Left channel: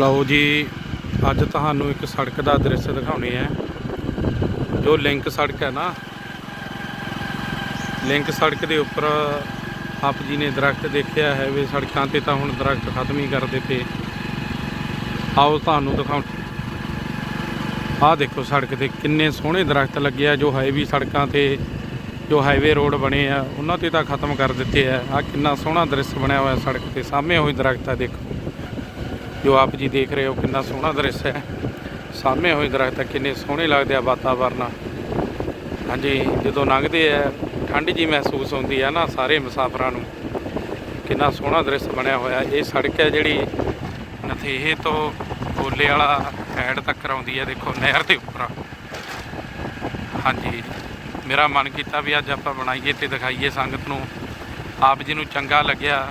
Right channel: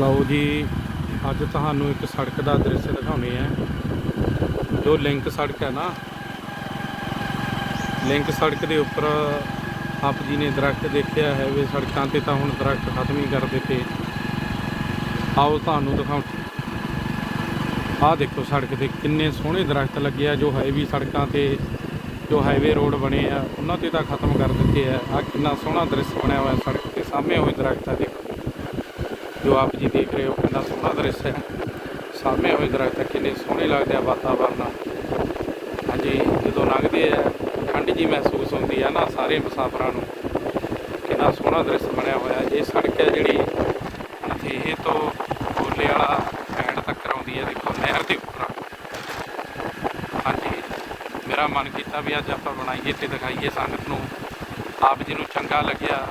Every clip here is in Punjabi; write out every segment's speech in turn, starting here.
ਲਓ ਜੀ, ਅੱਜ ਤੁਹਾਨੂੰ ਇੱਕ ਸੜਕ ਦਾ ਦ੍ਰਿਸ਼ ਦਿਖਾਉਣੇ ਆ। ਜੋ ਲਿੰਕ ਸੜਕ ਹੈ ਨਾ, ਲਿੰਕ ਸੜਕ ਦੇ ਉੱਪਰ ਆਪ ਜੀ ਨੇ ਦਰਖਤ ਦੇਖਿਆ ਹੈ ਵੀ ਸੜਕਾਂ ਤੇ ਤਾਂ ਹੁਣ ਦਰਖਤ ਖਤਮ ਹੀ ਕਰ ਦਿੱਤੇ ਆਓ ਤੁਹਾਨੂੰ ਦਿਖਾਉਂ ਆਹ ਦੇਖੋ ਸੜਕ ਤੇ ਕਿੰਨੇ ਸੋਹਣੇ ਦਰਖਤ ਲੱਗੇ ਆ, ਜੋ ਹਾਈਵੇ ਸੜਕਾਂ ਤੇ, ਜੋ ਹਾਈਵੇ ਰੋਡ ਬਣੇ ਆ, ਉਹਨਾਂ ਤੇ ਤਾਂ ਖਤਮ ਕਰ ਦਿੱਤੇ ਆ। ਆ ਕਿੰਨਾ ਸੋਹਣਾ ਦ੍ਰਿਸ਼ ਬਣਿਆ ਹੋਇਆ ਸੜਕ ਤੇ ਸਾਹਮਣੇ ਹੋਈ ਦਰਖਤ ਆ ਦੇਖੋ। ਜੋ ਆਪ ਜੀ ਦੇਖ ਰਹੇ ਹੋ ਕਿੰਨਾ ਸੋਹਣਾ ਦ੍ਰਿਸ਼ ਹੈ। ਸਾਹਮਣੇ ਹੋਏ ਦਰਖਤ ਕਿੰਨੇ ਸੋਹਣੇ ਲੱਗਦੇ ਆ ਵਾਤਾਵਰਨ ਹਾਂਜੀ, ਜਦੋਂ ਲੰਘਦੇ ਆ ਠੰਡ ਜੀ ਮਹਿਸੂਸ ਹੁੰਦੀ ਆ ਨਾ ਸਾਰੇ ਮੁਸਾਫਰਾਂ ਨੂੰ। ਕਿੰਨਾ ਸੋਹਣਾ ਦ੍ਰਿਸ਼ ਬਣਿਆ ਹੋਇਆ। ਇਹ ਸੜਕ ਹੈ ਜਿਹੜੀ ਨਥੇਹੇ ਤੋਂ ਗੋਲੇ ਵਾਲਾ ਸਾਈਡ ਤੱਕ ਆਉਂਦੀ ਹੈ ਦੇਖੋ ਨਹਿਰ ਦੇ ਉੱਪਰ। ਹਾਂਜੀ, ਮੇਰਾ ਮਨ ਕੀਤਾ ਵੀ ਅੱਜ ਆਪਾਂ ਬਣਾਈਏ ਤੇ ਦਿਖਾਈਏ ਸੰਗਤ ਨੂੰ। ਆਪ ਜੀ ਨੂੰ ਚੰਗਾ ਲੱਗਿਆ।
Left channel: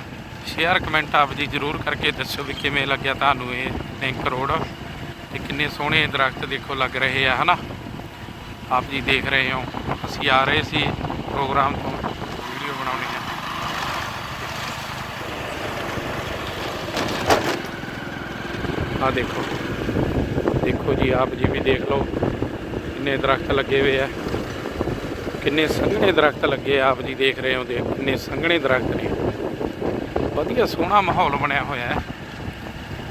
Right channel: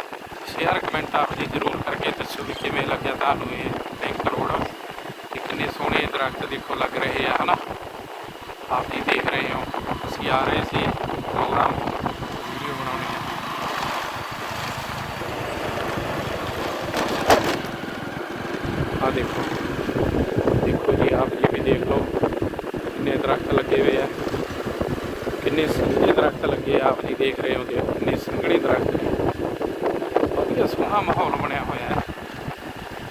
ਸ਼ੇਅਰ ਕਮੈਂਟ ਆਪ ਜੀ ਜਰੂਰ ਕਰਕੇ ਦੱਸਿਓ ਵੀ ਕਿਵੇਂ ਲੱਗਿਆ ਤੁਹਾਨੂੰ ਇਹ ਲਿੰਕ ਰੋਡ ਤੇ ਕਿੰਨੇ ਸੋਹਣੇ ਦਰਖਤ ਦੇਖੋ ਲੱਗ ਰਹੇ ਆ, ਹਨਾ? ਆਪ ਜੀ ਦੇਖ ਰਹੇ ਹੋ। ਅਸੀਂ ਆ ਰਹੇ ਸੀ ਪ੍ਰੋਗਰਾਮ ਵੀਡੀਓ ਬਣਾਉਣੀ ਹੈ ਆ ਦੇਖੋ। ਦੇਖੋ ਜੀ, ਆਪ ਜੀ ਵੀ ਦੇਖ ਲਓ ਕਿੰਨੇ ਦਰਖਤ ਲੱਗੇ ਹੋਏ ਆ। ਕਿੰਨੇ ਸੰਘਣੇ ਦਰਖਤ ਲੱਗੇ ਆਪ ਜੀ ਦੇਖ ਰਹੇ ਹੋ, ਦੇਖੋ ਕਿੰਨੇ ਸੰਘਣੇ ਦਰਖਤ ਨੇ। ਵਧੀਆ ਸੋਹਣਾ ਮਾਹੌਲ ਬਣਿਆ ਹੋਇਆ ਹੈ।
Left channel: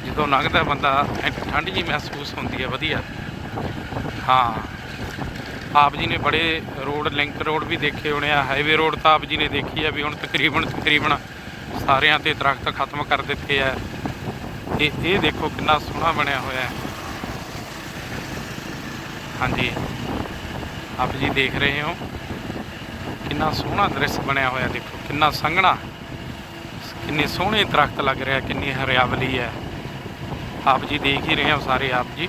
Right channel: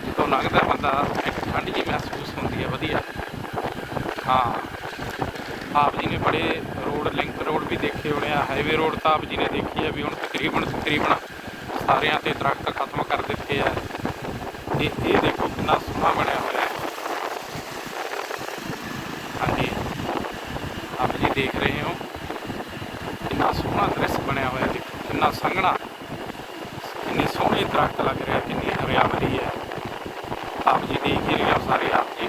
ਜਦੋਂ ਲੱਗਦਾ ਬੰਦਾ ਇੱਕ ਠੰਡ ਜੀ ਮਹਿਸੂਸ ਹੁੰਦੀ ਹੈ, ਵਧੀਆ। ਹਾਂ। ਆਪ ਜੀ ਨੇ ਬੜੇ ਰੋਡ, ਲਿੰਕ ਰੋਡ ਵੀ ਦੇਖੇ ਹੋਣੇ ਆ, ਹਾਈਵੇ ਰੋਡ ਤਾਂ ਆਪ ਜੀ ਨੇ ਦੇਖੀ ਆ ਵੀ ਹੁਣ ਤਕਰੀਬਨ ਤਕਰੀਬਨ ਸਾਰਿਆਂ ਤੇ ਦਰਖਤ ਖਤਮ ਕਰ ਦਿੱਤੇ ਆ। ਤੇ ਇਹ ਦੇਖੋ ਕਿੰਨਾ ਸੋਹਣਾ ਬਣਿਆ ਹੋਇਆ ਹੈ। ਹਾਂਜੀ। ਆਪ ਜੀ ਦੇਖ ਰਹੇ ਹੋ। ਕਿੰਨਾ ਸੋਹਣਾ ਦ੍ਰਿਸ਼ ਬਣਿਆ ਹੋਇਆ, ਦੇਖੋ, ਕਿੰਨਾ ਸੰਘਣਾ। ਕਿੰਨੇ ਸੋਹਣੇ ਦਰਖਤ ਲੱਗ ਰਿਹਾ, ਕਿੰਨੀ ਹਰਿਆਵਲੀ ਹੈ। ਆਪ ਜੀ ਦੇਖ ਹੀ ਰਹੇ ਹੋ ਸਾਰੇ ਆਪ ਜੀ।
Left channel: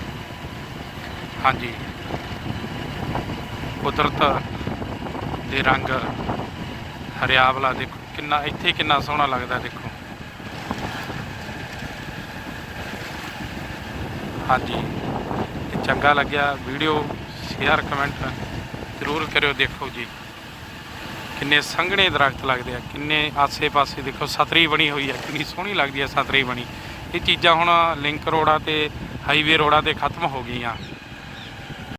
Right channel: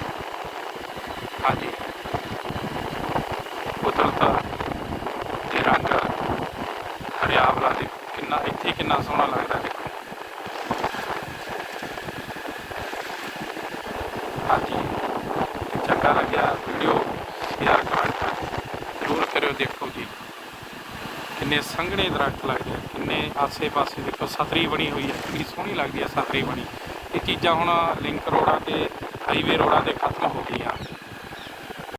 ਹਾਂਜੀ। ਕੁਦਰਤ ਦੇ ਰੰਗ ਹਰਿਆਵਲਾ ਦੇਖੋ ਕਿੰਨਾ, ਇੱਥੇ ਕਿੰਨਾ ਸੋਹਣਾ ਲੱਗਦਾ, ਦੇਖੋ। ਹਾਂਜੀ। ਚੰਗਾ ਲੱਗਿਆ, ਵੀਡੀਓ ਸ਼ੇਅਰ, ਕਮੈਂਟ ਜ਼ਰੂਰ ਕਰਿਓ, ਦੇਖੋ ਜੀ। ਕਿੰਨੇ ਸੰਘਣੇ ਦਰਖਤ ਲੱਗਦੇ ਆ, ਕਿੰਨੇ ਆਸੇ-ਪਾਸੇ ਦੇਖੋ, ਸਤਰੀ ਬਣੀ ਹੋਈ ਹੈ ਕਿੰਨੀ ਸੋਹਣੀ ਲੱਗਦੀ ਹੈ ਸਤਰੀ ਬਣੀ। ਇਹ ਚੀਜ਼ਾਂ ਹੁਣ ਲਿੰਕ ਰੋਡਾਂ ਤੇ ਹਾਈਵੇ ਰੋਡਾਂ ਤੇ ਖਤਮ ਹੋ ਗਈਆਂ।